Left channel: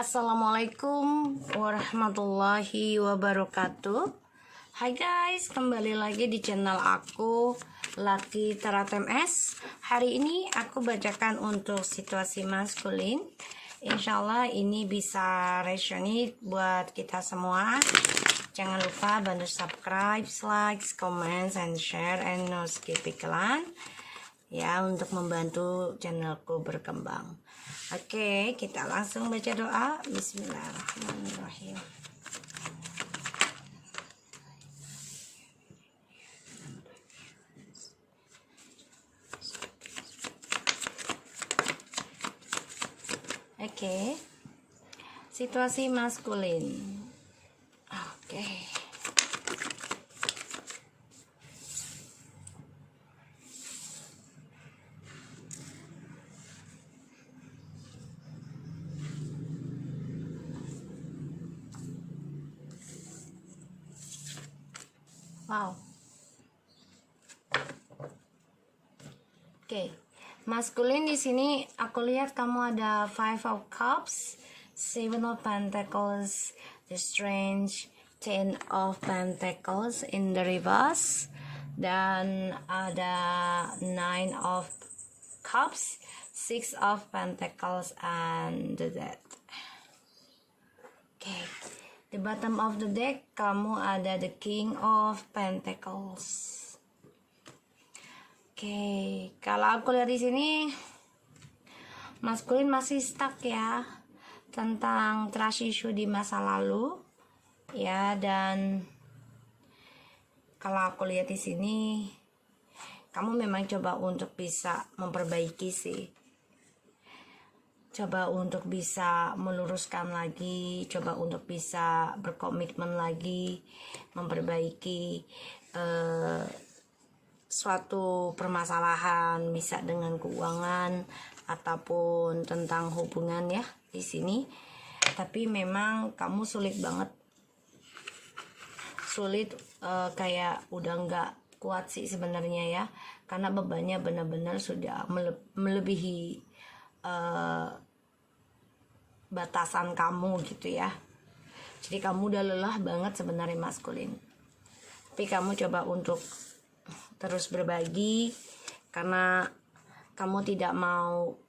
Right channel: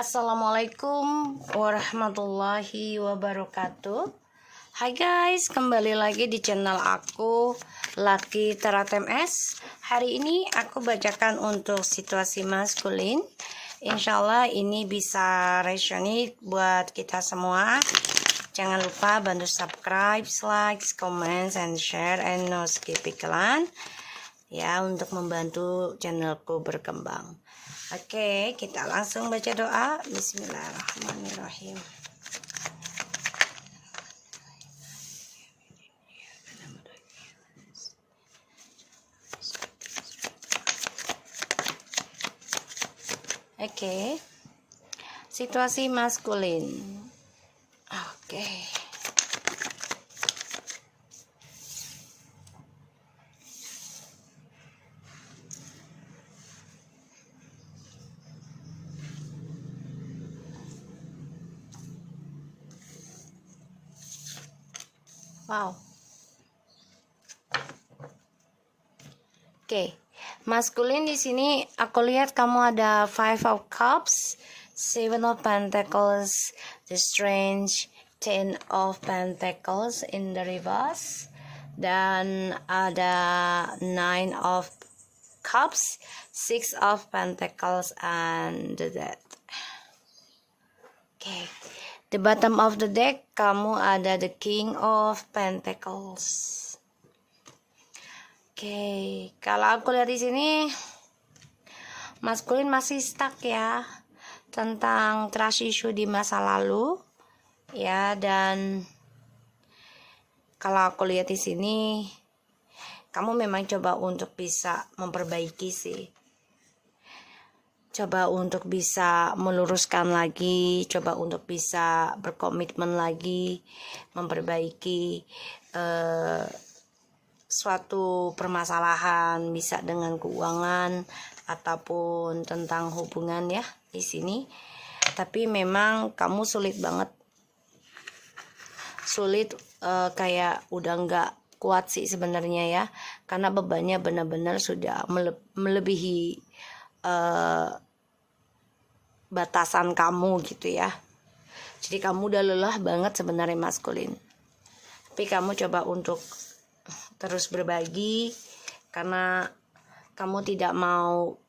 Assalamualaikum warahmatullahi wabarakatuh. Hai guys, kembali lagi di channel aku Lucky Tarot MS. Hari ini aku bacakan untuk situasi maskulin. Insyaallah ini bisa resonate buat kita semua. Jangan lupa bantu subscribe, like, comment, and share, and no skip iklan ya, untuk membantu channelku berkembang. Oke, kita langsung baca doa. Bismillahirrahmanirrahim. Oke, situasi maskulin. Oke. Wow. Oke. Maskulin di sini aku lihat kamu ada Five of Cups, Seven of Pentacles, the Strange, Ten of Pentacles in the reverse, dan ada Nine of Cups, Six of Pentacles, and the Death. Oke. The bottom of the deck kamu ada the King of Pentacles. Oke, kalau aku lihat di sini maskulin masih stuck ya tentang trust issue di masa lalu ya, dan kalau aku lihat di sini kamu memang coba untuk bisa memperbaiki sih. Coba untuk bisa meluruskan lagi, coba untuk bisa berkomitmen lagi, memperbaiki suatu permasalahan, bisa dengan keuangan ataupun tentang hubungan ya di sini. Tapi memang kamu sulit banget, kayak udah nggak kuat sih sebenarnya ya, karena bebannya benar-benar sudah melebihi batasan kamu gitu ya. Jadi kamu udah lelah banget sebenarnya maskulin, tapi kamu coba untuk terus berbagi karena kamu tidak mau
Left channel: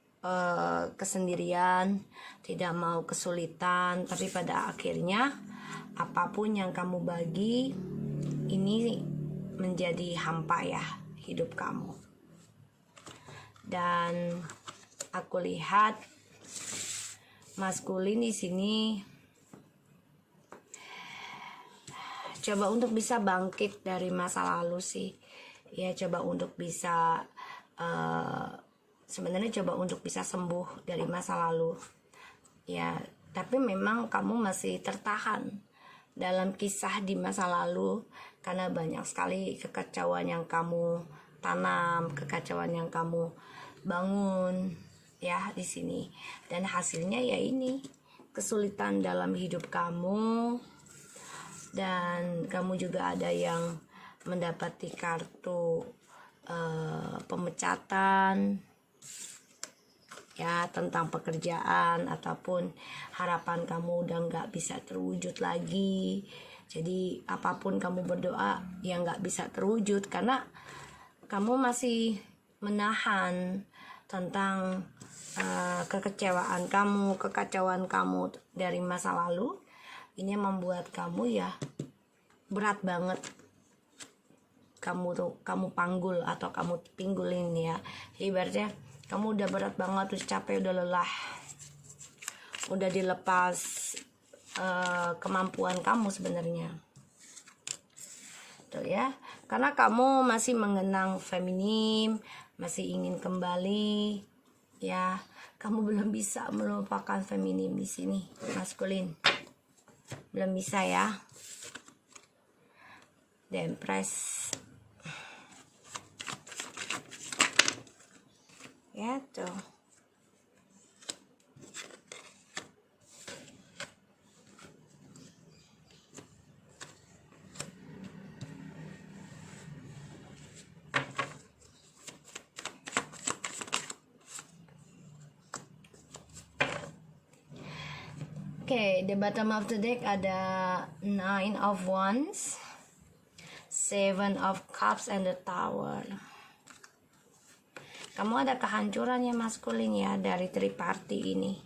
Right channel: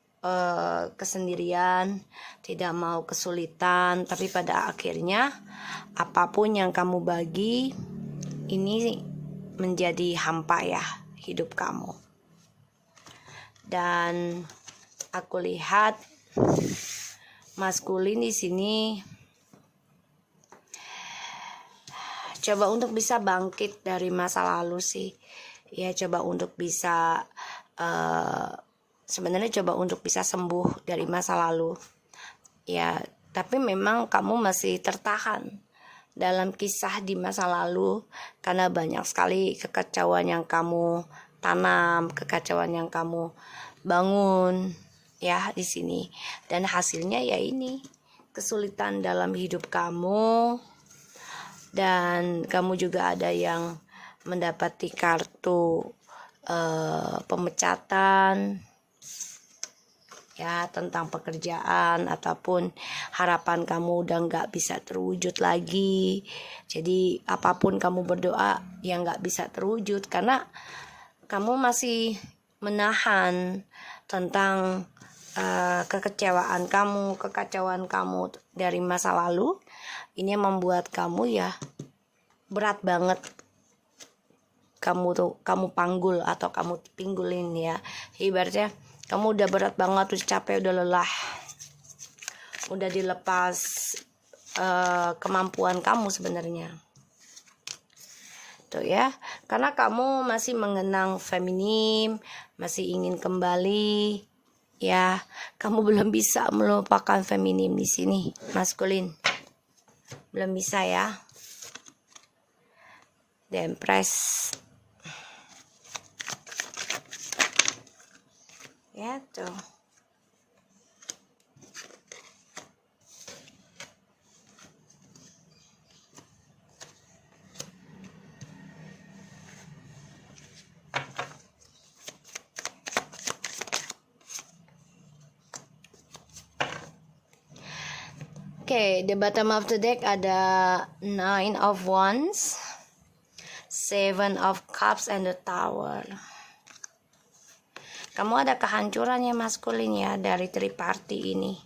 kesendirian, tidak mau kesulitan. Tapi pada akhirnya apapun yang kamu bagi ini menjadi hampa ya hidup kamu. Dan aku lihat maskulin di sini coba untuk bisa bangkit dari masa lalu sih. Ya, coba untuk bisa sebenarnya coba untuk bisa sembuh dari masa lalu. Ya, tapi memang kamu masih tertahan dalam kisah di masa lalu karena banyak sekali kekacauan yang kamu tanam, kekacauan yang kamu bangun ya di sini, dan hasilnya ya ini kesulitan dalam hidup kamu, dan kamu juga ada yang mendapati kartu pemecatan ya, tentang pekerjaan ataupun harapan kamu udah nggak bisa terwujud lagi. Jadi apapun kamu berdoa yang nggak bisa terwujud karena kamu masih menahan tentang kekecewaan kamu, kekacauan kamu dari masa lalu. Ini membuat kamu ya berat banget. Kamu panggul atau kamu pinggulin ya. Ibaratnya kamu udah berat banget, terus capek, udah lelah, udah dilepas kemampuan kamu sebenarnya. Tuh ya, karena kamu masih mengenang feminim, masih ingin kembali ya. Kamu belum bisa melupakan feminim di sini, maskulin. Belum bisa ya. The Empress. Ya tuh. Oke, the bottom of the deck ada Nine of Wands, Seven of Cups, and the Tower. Kamu ada kehancuran ya maskulin ya dari triparty ini,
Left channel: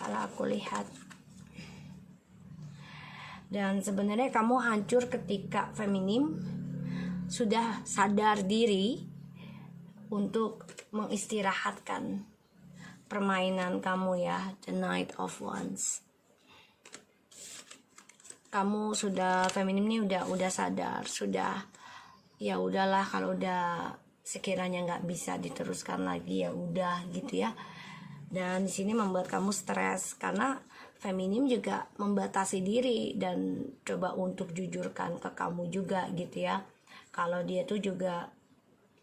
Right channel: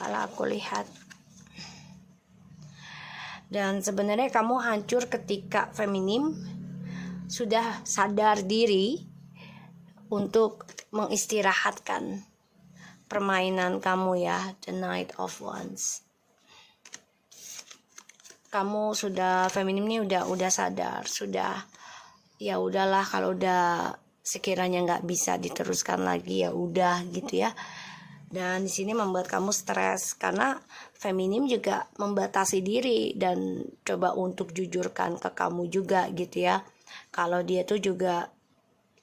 kalau aku lihat. Dan sebenarnya kamu hancur ketika feminim sudah sadar diri untuk mengistirahatkan permainan kamu ya, the Knight of Wands. Kamu sudah feminim nih udah sadar, sudah ya udahlah, kalau udah sekiranya nggak bisa diteruskan lagi ya udah gitu ya. Dan di sini membuat kamu stres karena feminim juga membatasi diri dan coba untuk jujurkan ke kamu juga gitu ya, kalau dia tuh juga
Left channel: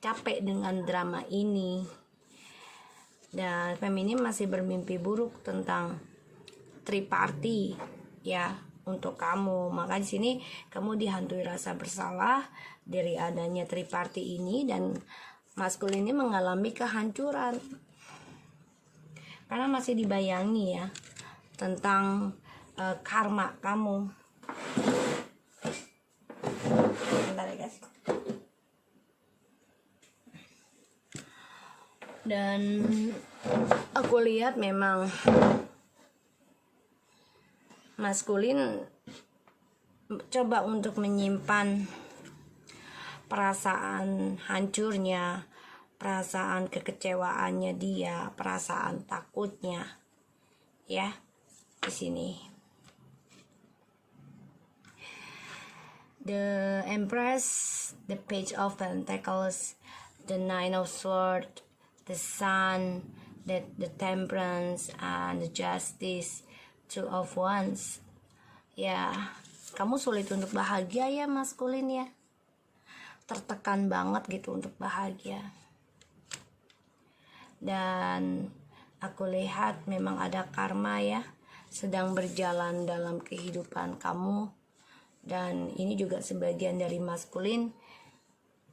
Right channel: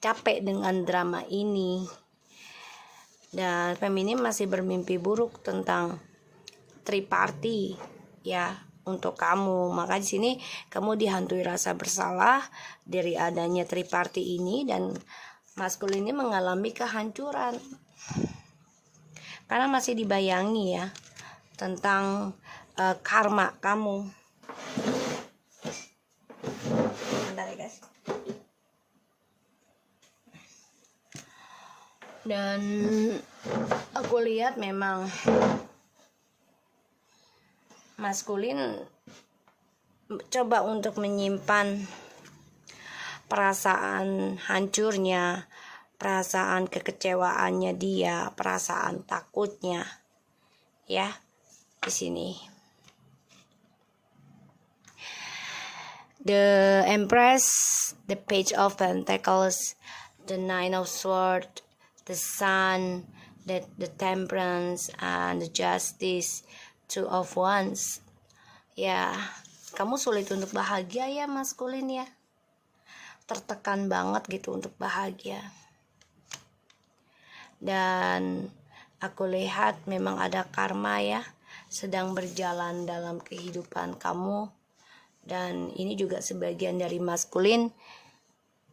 capek dengan drama ini. Dan feminim masih bermimpi buruk tentang triparty ya untuk kamu. Maka di sini kamu dihantui rasa bersalah dari adanya triparty ini, dan maskulin ini mengalami kehancuran karena masih dibayangi ya tentang karma kamu. Bentar ya guys. Dan aku lihat memang maskulin coba untuk menyimpan perasaan hancurnya, perasaan kekecewaannya dia, perasaan takutnya ya di sini. The Empress, the Page of Pentacles, the Nine of Swords, the Sun, the Temperance, and the Justice, Two of Wands. Ya, kamu sulit untuk bahagia ya maskulin ya. Tertekan banget gitu untuk bahagia. Dan aku lihat memang ada karma ya sedang berjalan dalam kehidupan kamu. Dan ini juga sebagian dari maskulin,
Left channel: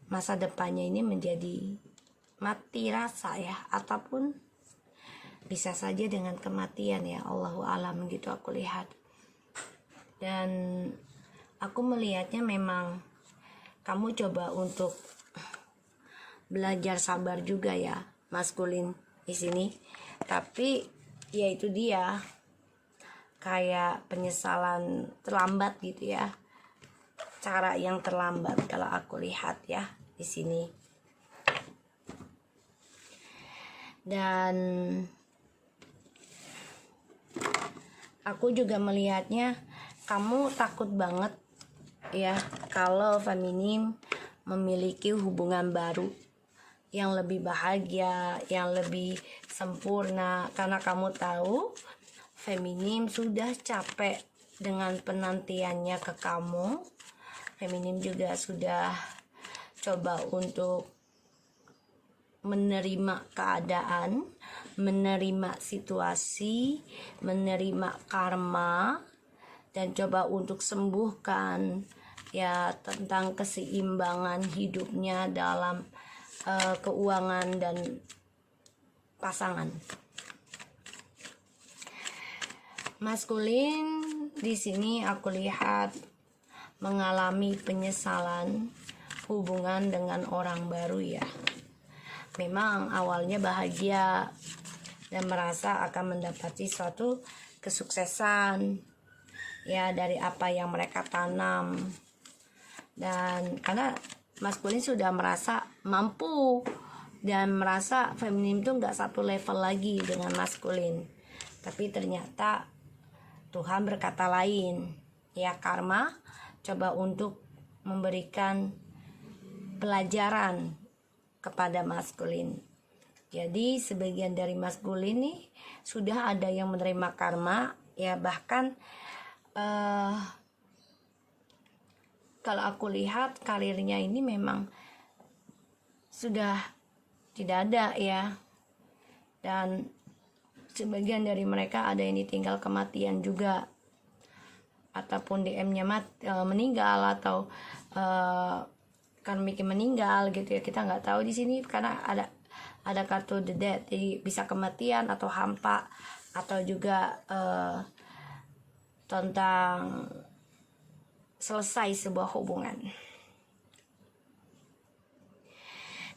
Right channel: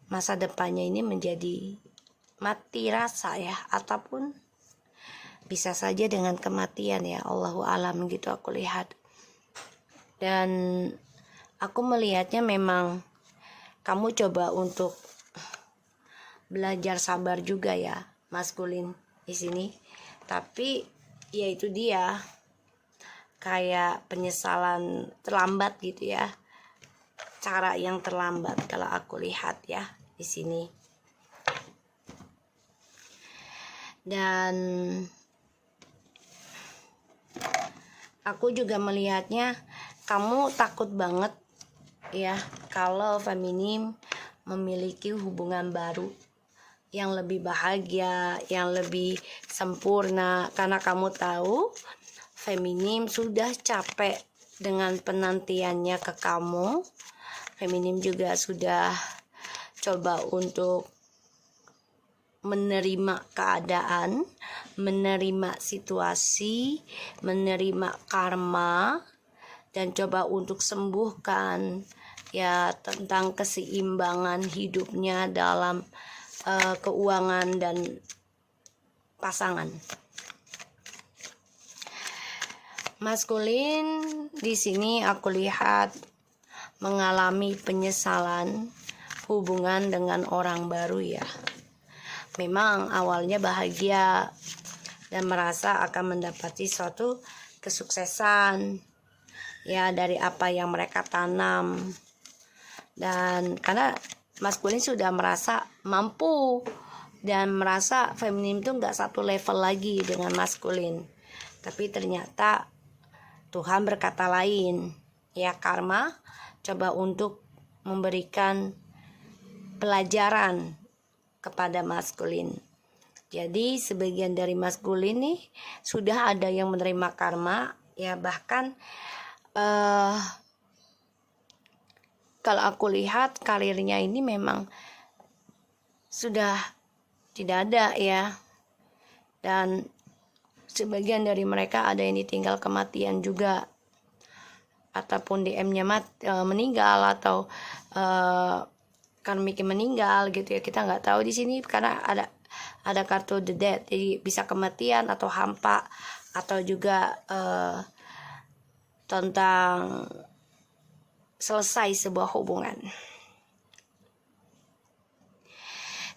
masa depannya ini menjadi mati rasa ya, ataupun bisa saja dengan kematian ya, Allahu alam gitu aku lihat. Dan aku melihatnya memang kamu coba untuk belajar sabar juga ya maskulin di sini, tapi ya itu dia kayak penyesalan terlambat gitu ya, cara yang terlambat kalau aku lihat ya di sini. Dan aku juga melihatnya kamu takut banget ya kalau feminim memiliki hubungan baru yang lebih bahagia, yang lebih sempurna, karena kamu tahu feminim sudah capek dengan penantiannya ke kamu. Feminim juga sudah coba untuk menerima keadaan, menerima situasi, menerima karma, dan coba untuk sembuhkan ya tentang keseimbangan hidupnya dalam keuangan dan pasangan. Maskulin di sini aku lihat mengalami penyesalan hubungan dengan orang baru ya. Memang awalnya bahagia dan merasa akan mendapati suatu kesuksesan ya dari apa yang mereka tanam. Dan karena maskulin sudah merasa mampu dan merasa feminim itu nggak satu level lagi dengan maskulin, tapi ternyata Tuhan berkata lain ya, karma coba untuk memberikan pelajaran kepada maskulin. Jadi sebagian dari maskulin nih sudah ada yang menerima karma ya, bahkan kalau aku lihat karirnya ini memang sudah tidak ada ya. Dan sebagian dari mereka ada yang ditinggal kematian juga, ataupun DM-nya meninggal, atau karmiknya meninggal gitu ya, kita nggak tahu di sini karena ada kartu the dead, jadi bisa kematian atau hampa, atau juga tentang selesai sebuah hubungan.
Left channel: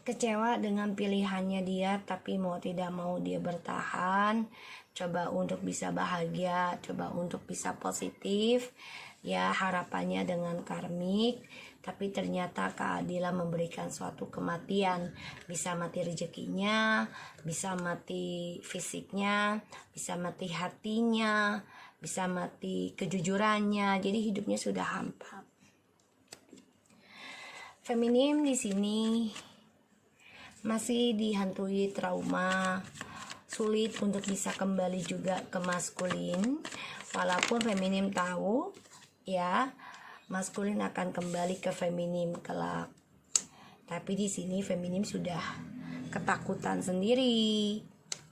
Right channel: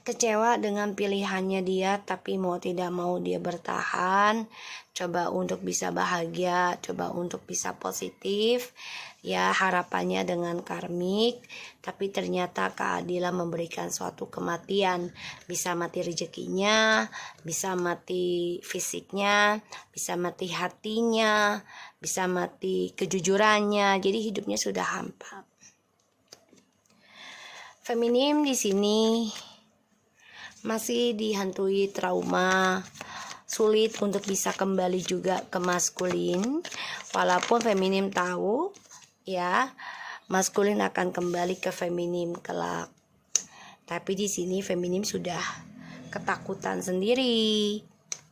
Kecewa dengan pilihannya dia, tapi mau tidak mau dia bertahan. Coba untuk bisa bahagia, coba untuk bisa positif. Ya, harapannya dengan karmik, tapi ternyata keadilan memberikan suatu kematian. Bisa mati rezekinya, bisa mati fisiknya, bisa mati hatinya, bisa mati kejujurannya. Jadi hidupnya sudah hampa. Feminim di sini masih dihantui trauma, sulit untuk bisa kembali juga ke maskulin, walaupun feminim tahu ya maskulin akan kembali ke feminim kelak. Tapi di sini feminim sudah ketakutan sendiri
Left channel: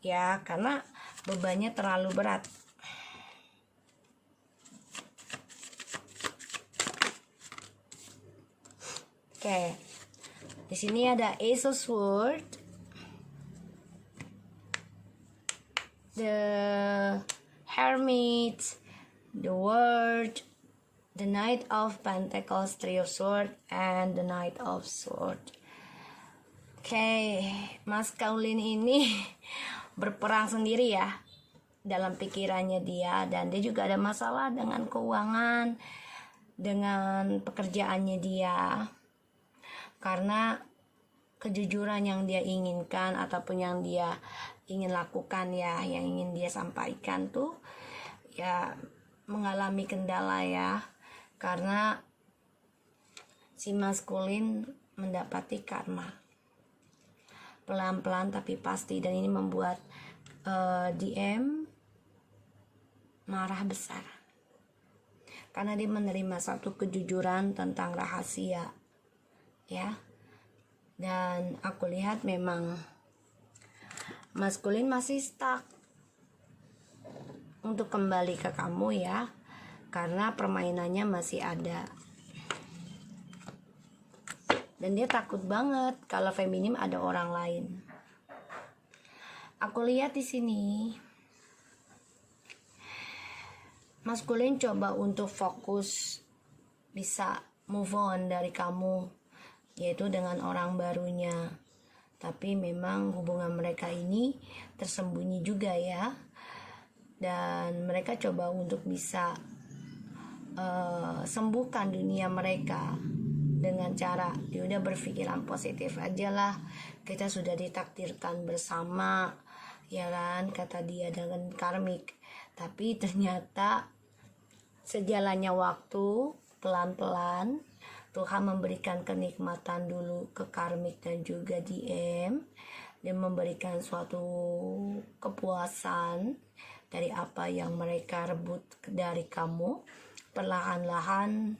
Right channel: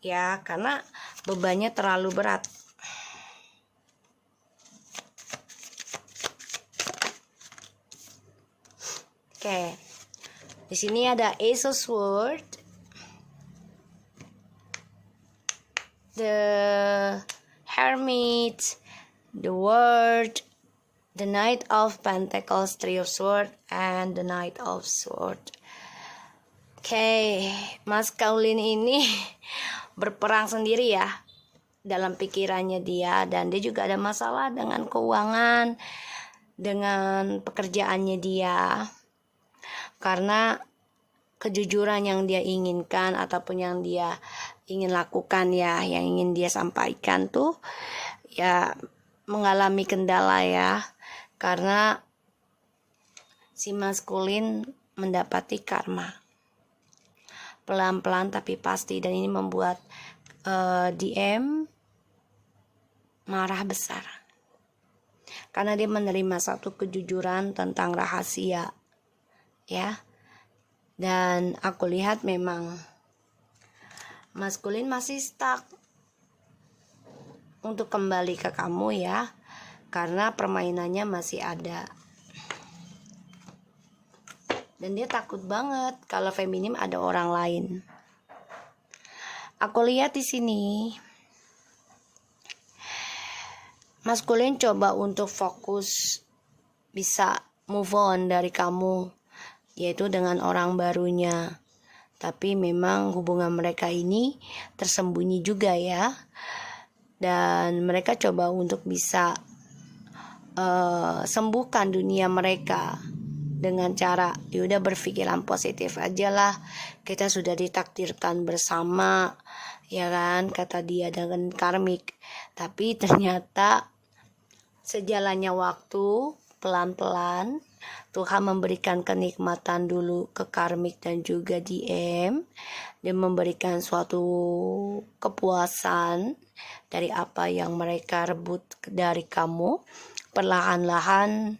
ya, karena bebannya terlalu berat. Oke. Di sini ada Ace of Swords, the Hermit, the World, the Knight of Pentacles, Three of Swords, and the Knight of Swords. Oke, Mas Kaulin ini berperang sendiri ya dalam pikirannya dia, dan dia juga ada masalah dengan keuangan, dengan pekerjaannya dia. Karena kejujuran yang dia inginkan ataupun yang dia ingin lakukan ya, yang ingin dia sampaikan tuh ya mengalami kendala ya, karena si maskulin mendapati karma pelan-pelan tapi pasti, dan ini membuat DM marah besar karena dia menerima satu kejujuran tentang rahasia ya. Dan aku lihat memang maskulin masih stuck untuk kembali ke kamu ya, karena permainannya masih ada. Dan dia takut banget kalau feminim ada orang lain. Aku lihat di sini maskulin coba untuk fokus bisa move on dari kamu, yaitu dengan orang barunya. Tapi memang hubungan mereka ini tersembunyi juga ya. Dan mereka coba untuk bisa sembuhkan dunia mereka dengan cara ya udah berpikiran positif aja lah. Kita sudah ditakdirkan bersama, ya kan, kata dia dengan karmik. Tapi ternyata sejalannya waktu, pelan-pelan Tuhan memberikan kenikmatan dulu ke karmik dan juga DM, dan memberikan suatu kepuasan dari apa yang mereka rebut dari kamu. Perlahan-lahan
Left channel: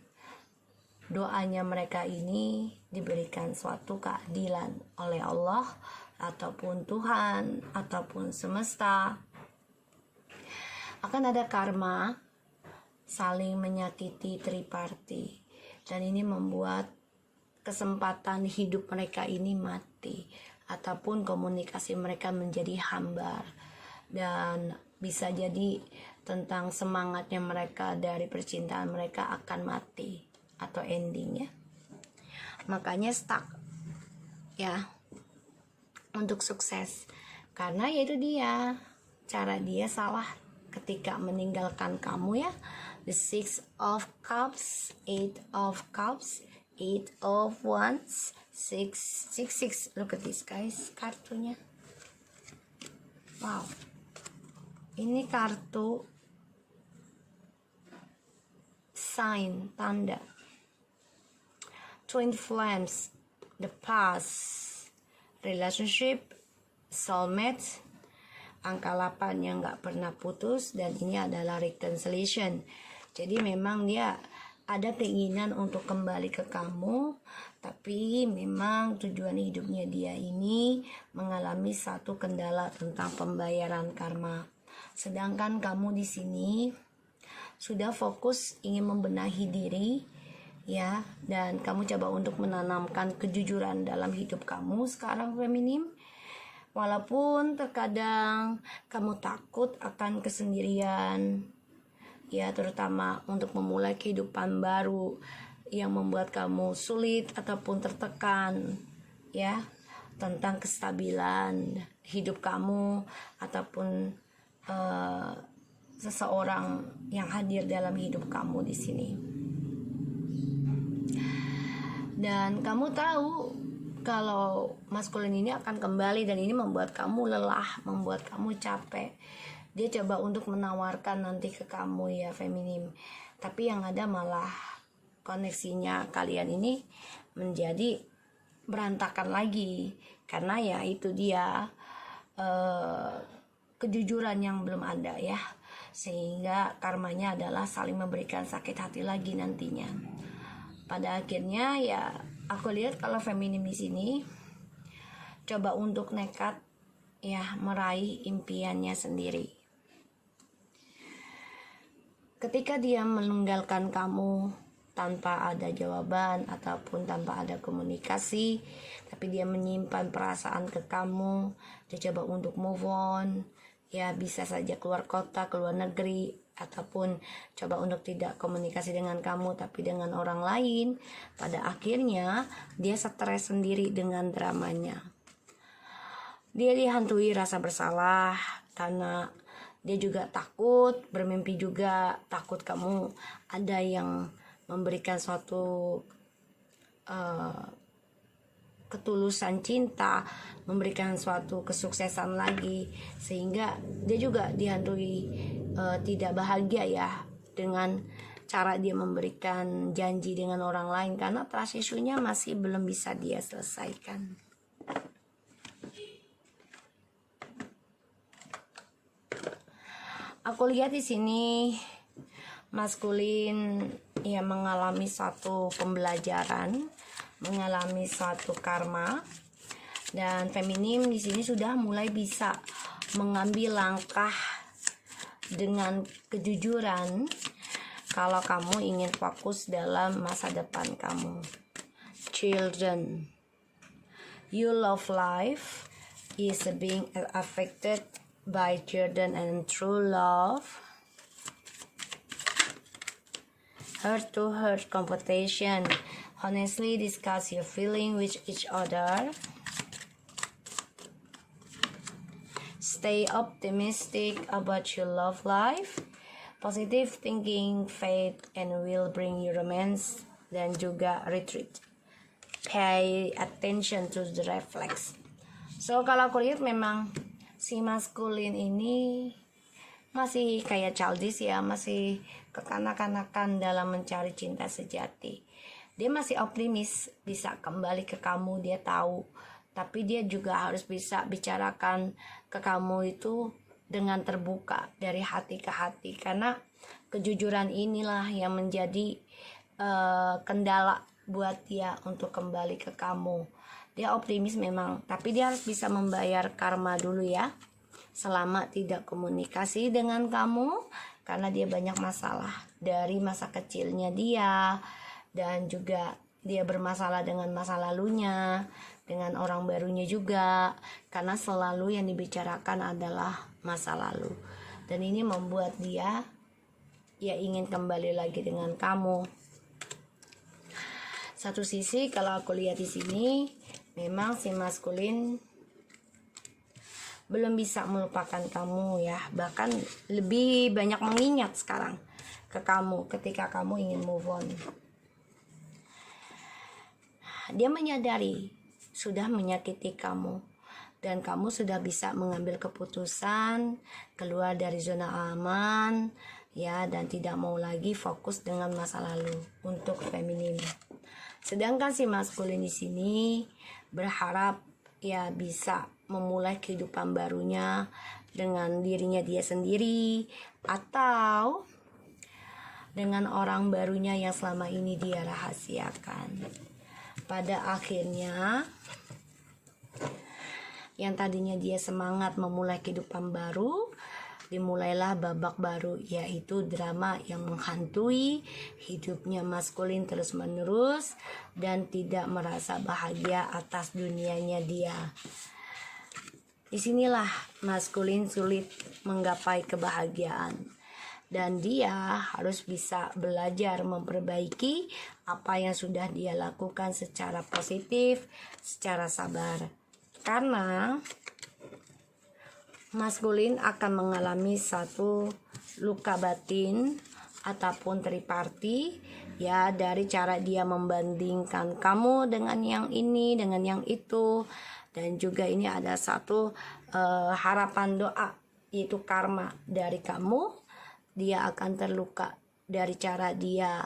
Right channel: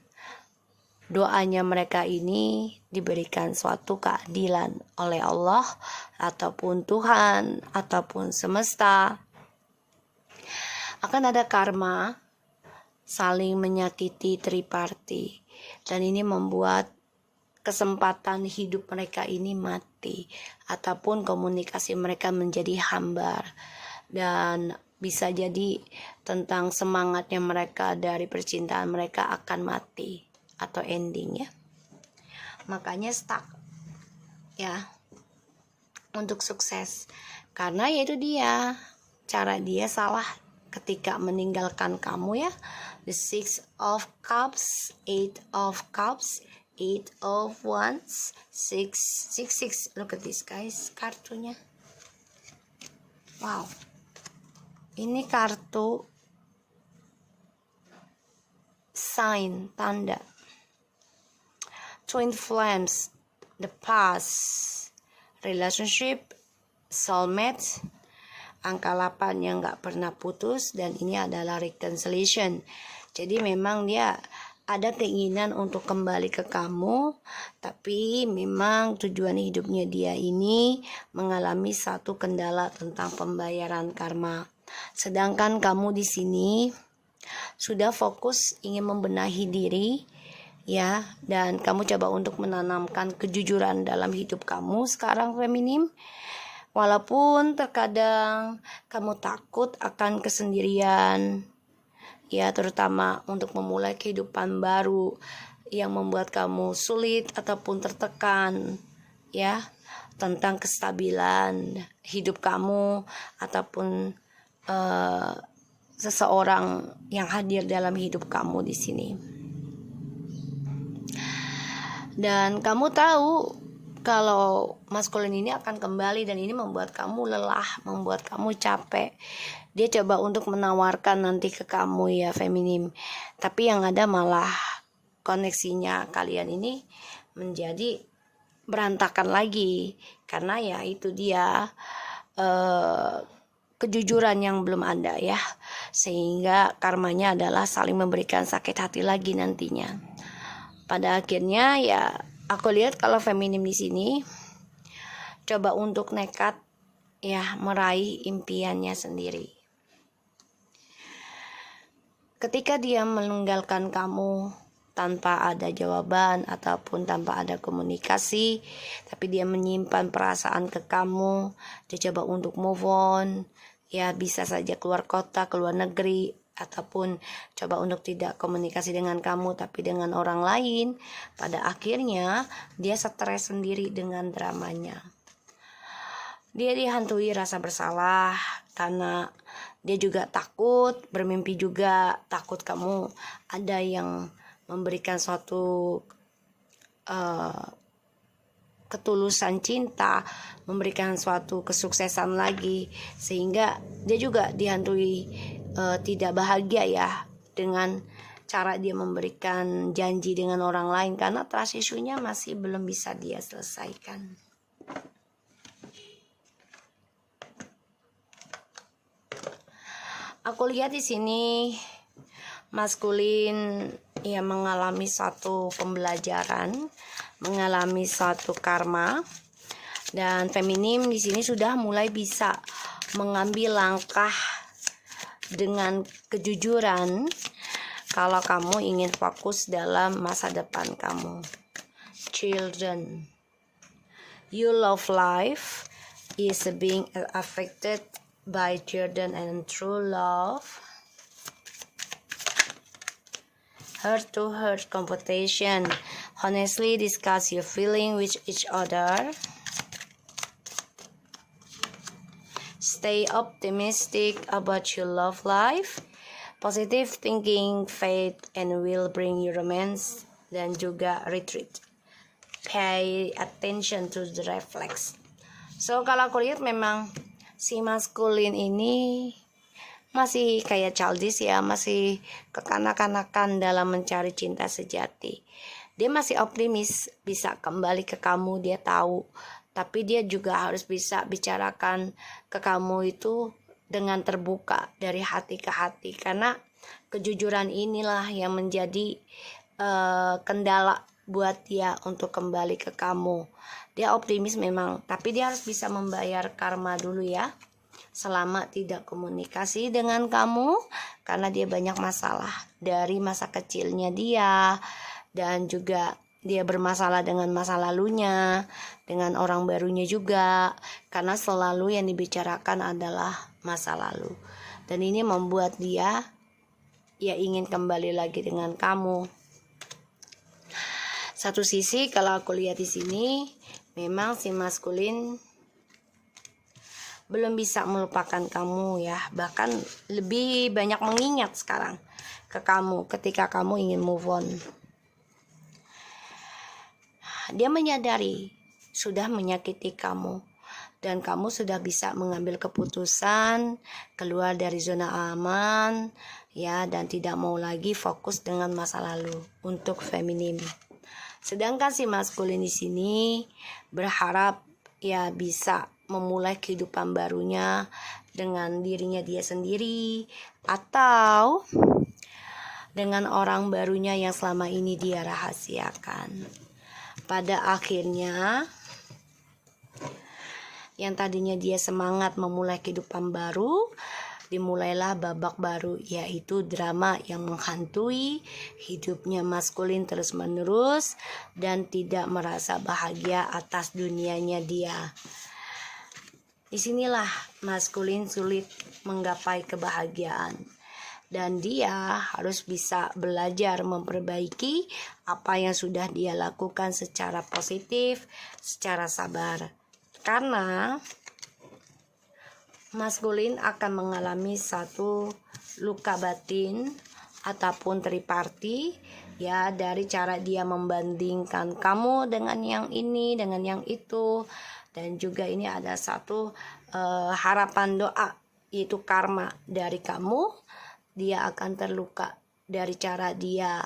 doanya mereka ini diberikan suatu keadilan oleh Allah ataupun Tuhan ataupun semesta. Akan ada karma saling menyakiti triparti, dan ini membuat kesempatan hidup mereka ini mati ataupun komunikasi mereka menjadi hambar, dan bisa jadi tentang semangatnya mereka dari percintaan mereka akan mati atau ending ya. Makanya stuck ya untuk sukses, karena yaitu dia cara dia salah ketika meninggalkan kamu ya. The Six of Cups, Eight of Cups, Eight of Wands, Six. Look at this guys, kartunya. Wow, ini kartu sign, tanda. Twin Flames, the past, relationship, soulmate, angka 8 yang gak pernah putus, dan ini adalah reconciliation. Jadi memang dia ada keinginan untuk kembali ke kamu, tapi memang tujuan hidupnya dia ini mengalami satu kendala tentang pembayaran karma. Sedangkan kamu di sini sudah fokus ingin membenahi diri ya, dan kamu coba untuk menanamkan kejujuran dalam hidup kamu sekarang feminim. Walaupun terkadang kamu takut akan kesendirian ya, terutama untuk memulai kehidupan baru yang membuat kamu sulit ataupun tertekan, ya, tentang kestabilan hidup kamu ataupun seseorang yang hadir dalam hidup kamu di sini. Dan kamu tahu kalau maskulin ini akan kembali, dan ini membuat kamu lelah, membuat kamu capek. Dia coba untuk menawarkan nanti ke kamu, ya, feminim, tapi yang ada malah koneksinya kalian ini menjadi berantakan lagi, karena ya itu dia kejujuran yang belum ada, ya, sehingga karmanya adalah saling memberikan sakit hati lagi nantinya. Pada akhirnya ya aku lihat kalau feminim di sini coba untuk nekat, ya, meraih impiannya sendiri. Ketika dia meninggalkan kamu tanpa ada jawaban ataupun tanpa ada komunikasi, tapi dia menyimpan perasaan ke kamu, dia coba untuk move on, ya, bisa saja keluar kota, keluar negeri, ataupun coba untuk tidak komunikasi dengan kamu tapi dengan orang lain. Pada akhirnya dia stres sendiri dengan dramanya. Dia dihantui rasa bersalah karena dia juga takut, bermimpi juga takut kamu ada yang memberikan suatu ketulusan cinta, memberikan suatu kesuksesan lagi, sehingga dia juga dihantui tidak bahagia, ya, dengan cara dia memberikan janji dengan orang lain karena trust issue-nya masih belum bisa dia selesaikan. Aku lihat di sini maskulin ya mengalami suatu pembelajaran, mengalami suatu karma, dan feminim di sini sudah mulai bisa mengambil langkah dengan kejujuran kalau kamu ingin fokus dalam masa depan kamu. Children, you love life is being affected by children and true love. Heart to heart competition. Honestly discuss your feeling with each other. Stay optimistic about your love life. Positive thinking, faith, and will bring you romance. Dan juga retreat. Pay attention to the reflex. So kalau aku lihat memang si maskulin ini masih kayak childish, ya, masih kekanak-kanakan dalam mencari cinta sejati. Dia masih optimis bisa kembali ke kamu, dia tahu. Tapi dia juga harus bisa bicarakan ke kamu itu dengan terbuka dari hati ke hati, karena kejujuran inilah yang menjadi kendala buat dia untuk kembali ke kamu. Dia optimis memang, tapi dia harus bisa membayar karma dulu, ya, selama tidak komunikasi dengan kamu, karena dia banyak masalah dari masa kecilnya dia, dan juga dia bermasalah dengan masa lalunya, dengan orang barunya juga, karena selalu yang dibicarakan adalah masa lalu. Dan ini membuat dia ya ingin kembali lagi dengan kamu. Satu sisi kalau aku lihat di sini, memang si maskulin belum bisa melupakan kamu, ya, bahkan lebih banyak mengingat sekarang ke kamu ketika kamu ingin move on. Dia menyadari sudah menyakiti kamu, dan kamu sudah bisa mengambil keputusan keluar dari zona aman, ya, dan tidak mau lagi fokus dengan masa lalu untuk feminim. Sedangkan si maskulin di sini berharap ya bisa memulai kehidupan barunya dengan dirinya dia sendiri, atau dengan orang barunya yang selama ini dia rahasiakan. Pada akhirnya yang tadinya dia semangat memulai kehidupan baru, dimulailah babak baru, yaitu drama yang menghantui hidupnya maskulin terus-menerus dan tidak merasa bahagia atas dunianya dia. Disinilah maskulin sulit menggapai kebahagiaan. dan dia harus bisa belajar memperbaiki apa yang sudah dia lakukan secara positif, secara sabar. Karena maskulin akan mengalami satu luka batin ataupun triparti ya, dari cara dia membandingkan kamu dengan yang ini, dengan yang itu. Dan juga ini ada satu harapan doa, yaitu karma dari kamu. Dia akan terluka dari cara dia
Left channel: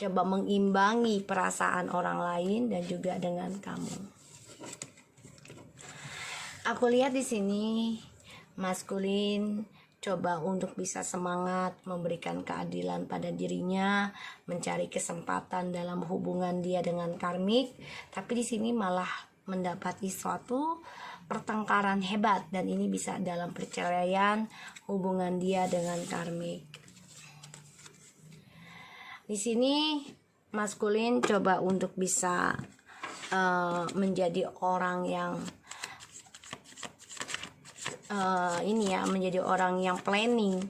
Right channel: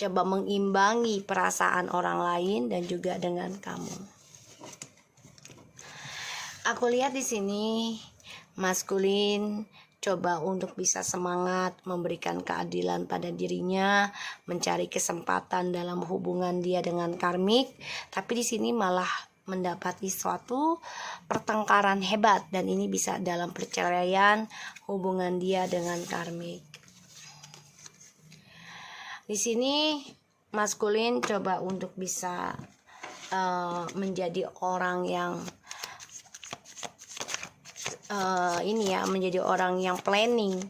coba mengimbangi perasaan orang lain dan juga dengan kamu. Aku lihat di sini maskulin coba untuk bisa semangat memberikan keadilan pada dirinya, mencari kesempatan dalam hubungan dia dengan karmik, tapi di sini malah mendapati suatu pertengkaran hebat, dan ini bisa dalam perceraian hubungan dia dengan karmik. Di sini maskulin coba untuk bisa menjadi orang yang menjadi orang yang planning,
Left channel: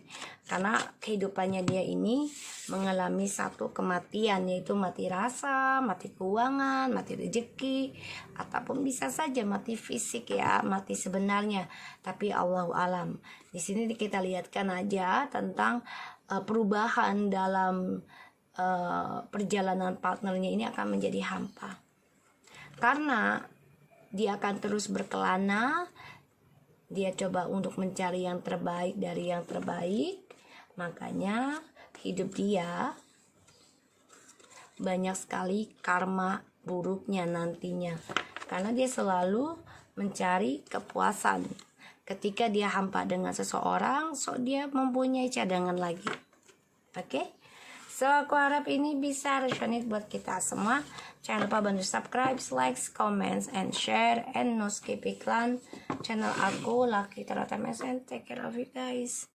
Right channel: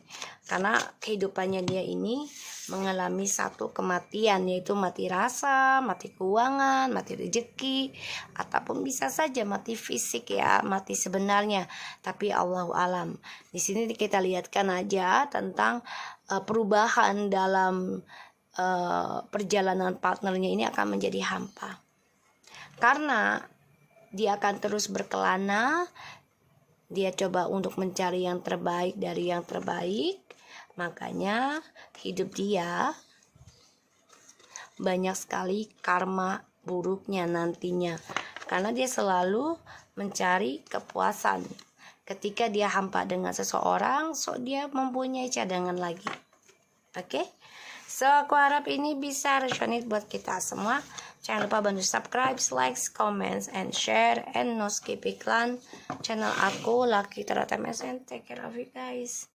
karena kehidupannya dia ini mengalami satu kematian, yaitu mati rasa, mati keuangan, mati rezeki, ataupun bisa saja mati fisik ya, mati sebenarnya. Tapi Allahu alam. Di sini kita lihatkan aja tentang perubahan dalam perjalanan partnernya ini akan menjadi hampa, karena dia akan terus berkelana. Dia coba untuk mencari yang terbaik dari yang terbaik. Makanya hidup dia banyak sekali karma buruknya nantinya, karena dia selalu mencari kepuasan. Ketika dia hampa dengan seseorang, so dia mempunyai cadangan lagi. Oke? So aku harap ini bisa resonate buat kita semua. Jangan lupa bantu subscribe, like, comments, and share, and no skip iklan channel aku Lucky Tera TMS, and take care of you guys.